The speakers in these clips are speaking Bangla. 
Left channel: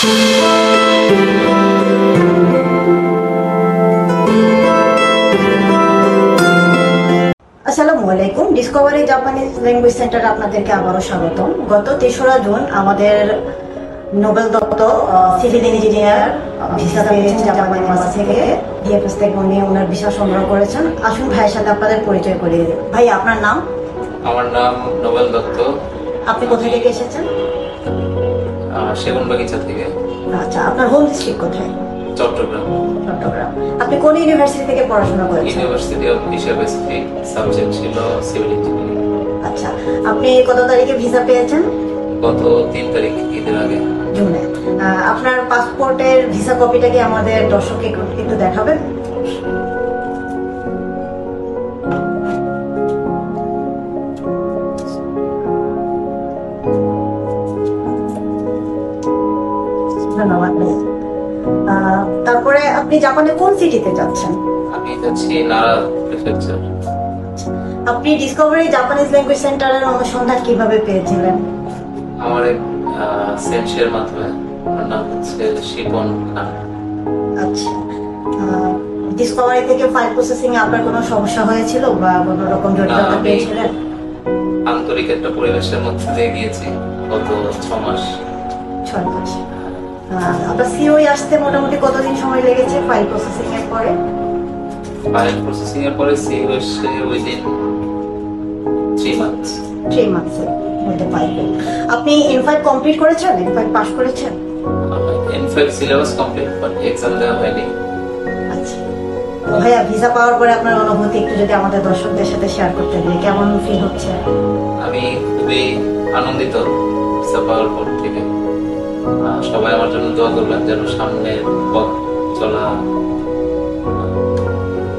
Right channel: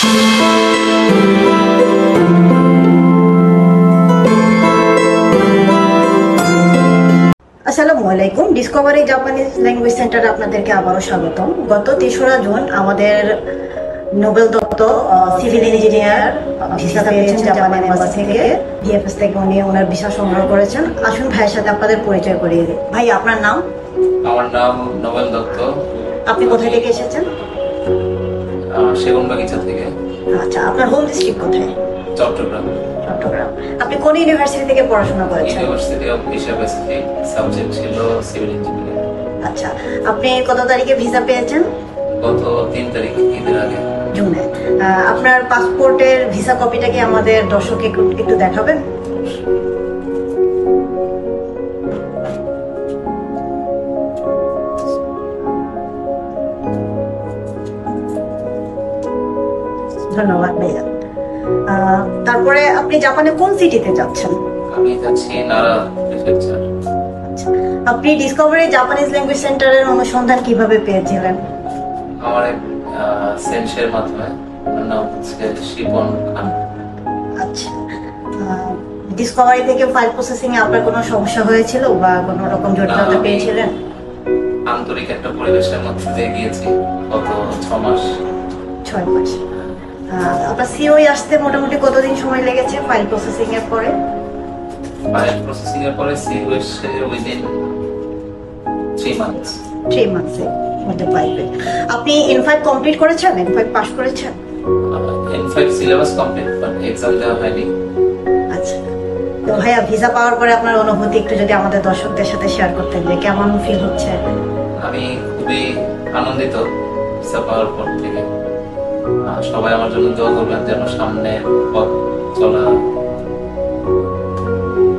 আসসালামু আলাইকুম। ডিসকভারি জাপানিজ ল্যাঙ্গুয়েজ সেন্টারে আপনাদেরকে আবারও স্বাগতম। গত 3রা জুন আমাদের Nobel Dutta civil engineer visa পেয়েছেন জাপান এম্বাসি থেকে। ডিএফএস থেকে উনি ওনার ভিসা সংগ্রহ করেছেন। আসুন ভাইয়ের সাথে আপনাদের পরিচয় করিয়ে দিই। ভাই, আপনার নাম? আমার নাম নোবেল দত্ত। আপনি কোথা থেকে এসেছেন? সেগুনবাগিচা থেকে। আচ্ছা, আপনার হোম ডিস্ট্রিক্ট কোথায়? চট্টগ্রাম। চট্টগ্রাম। আপনি কোন ইউনিভার্সিটি থেকে পড়াশোনা করেছেন? University of Asia Pacific, subject ছিল সিভিল ইঞ্জিনিয়ারিং। আচ্ছা, আপনি কত তারিখে ভিসা পেয়েছেন? গত 3 তারিখ, ঈদের আগে। জুনে। আপনার পাসপোর্টের ভিসা কপিটা কি আমাদের দর্শককে একটু দেখাবেন? ধন্যবাদ ভাইয়া। তারপরে আপনি জাপানে কোন সিটিতে যাচ্ছেন? আমি যাচ্ছি নারা প্রিফেকচার। আপনি ডিসকভারি জাপানিজ ল্যাঙ্গুয়েজ সেন্টারের অনুসন্ধান কিভাবে পেয়েছিলেন? আমার এক সেন্সের মাধ্যমে, ওনার নাম হচ্ছে শিপন খান। আচ্ছা, ডিসকভারি থেকে ফাইল প্রসেসিং এ আপনার কোনো সমস্যা হয়েছিল বা কোনো রকম জটিলতা পেয়েছিলেন? আন্তরিক একটা পরিবেশের মধ্যে দিয়ে গিয়েছি গত 6 মাস। 6 মাস। আপনার সিওই আসতে মোটামুটি কতদিন সময় লেগেছে ফাইল প্রসেসিং এর পরে? ফাইল প্রসেসিং এর পরে সিও এসে উইদিন 3 মান্থস। 3 মান্থসে মধ্যে পাইবেন। আপনি ইনফাইল কমপ্লিট করেছেন? ইনফাইল পাস করেছেন? ইনফাইল সিলেবাস কমপ্লিট, বাট এক্সাম দেওয়া হয়নি। আচ্ছা ভাইয়া, ভিসা পাওয়ার পরে আপনার অনুভূতি একটু যদি আমাদের দর্শকদের সাথে শেয়ার করতেন, যে কেমন ফিল হচ্ছে? আমি খুবই আনন্দিত ভিসা পাওয়ার পর থেকে। সবাই আমার জন্য দোয়া করবেন যেন সামনে পথ চলা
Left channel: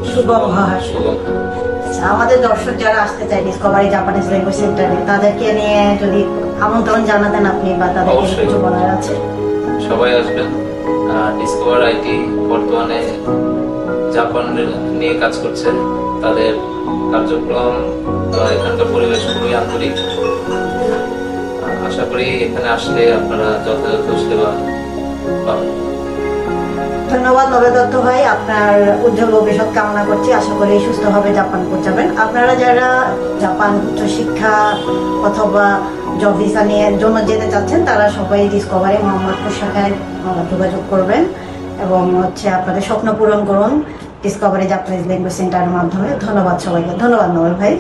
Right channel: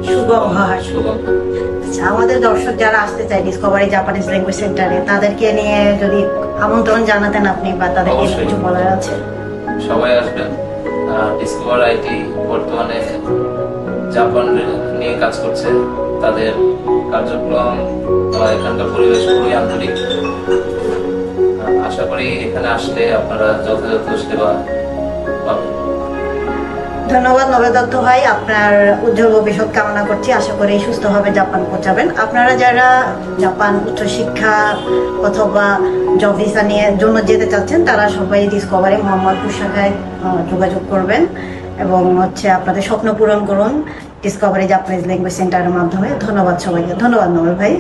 সুগম হয়। আচ্ছা, আমাদের দর্শক যারা আসতে চায় ডিসকভারি জাপানিজ ল্যাঙ্গুয়েজ সেন্টারে, তাদেরকে নিয়ে যদি আমন্ত্রণ জানাতেন আপনি, বা তাদেরকে কিছু বলার আছে? সবাই আসবেন। ডিসকভার আইটি বর্তমানে জাপান নিয়ে কাজ করছে। তাদের কার্যক্রম, এখানকার পরিবেশ খুবই আন্তরিক। আশা করি এখানে আসলে আপনারা যথাযথ সেবা পাবেন। ধন্যবাদ নোবেল দত্ত ভাই, আপনার উজ্জ্বল ভবিষ্যৎ কামনা করছি। আশা করি সুস্থভাবে জাপান পৌঁছাবেন। আপনারা যারা জাপান উচ্চশিক্ষা অথবা জব ভিসা নিয়ে জন্য যেতে চাচ্ছেন, তারা সবাই ডিসকভারি মোহাম্মদপুর শাখায় যোগাযোগ করবেন এবং আপনাদের স্বপ্ন পূরণ করুন ডিসকভারি জাপানিজ ল্যাঙ্গুয়েজ সেন্টারের মাধ্যমে। ধন্যবাদ সবাইকে। ধন্যবাদ নোবেল ভাই।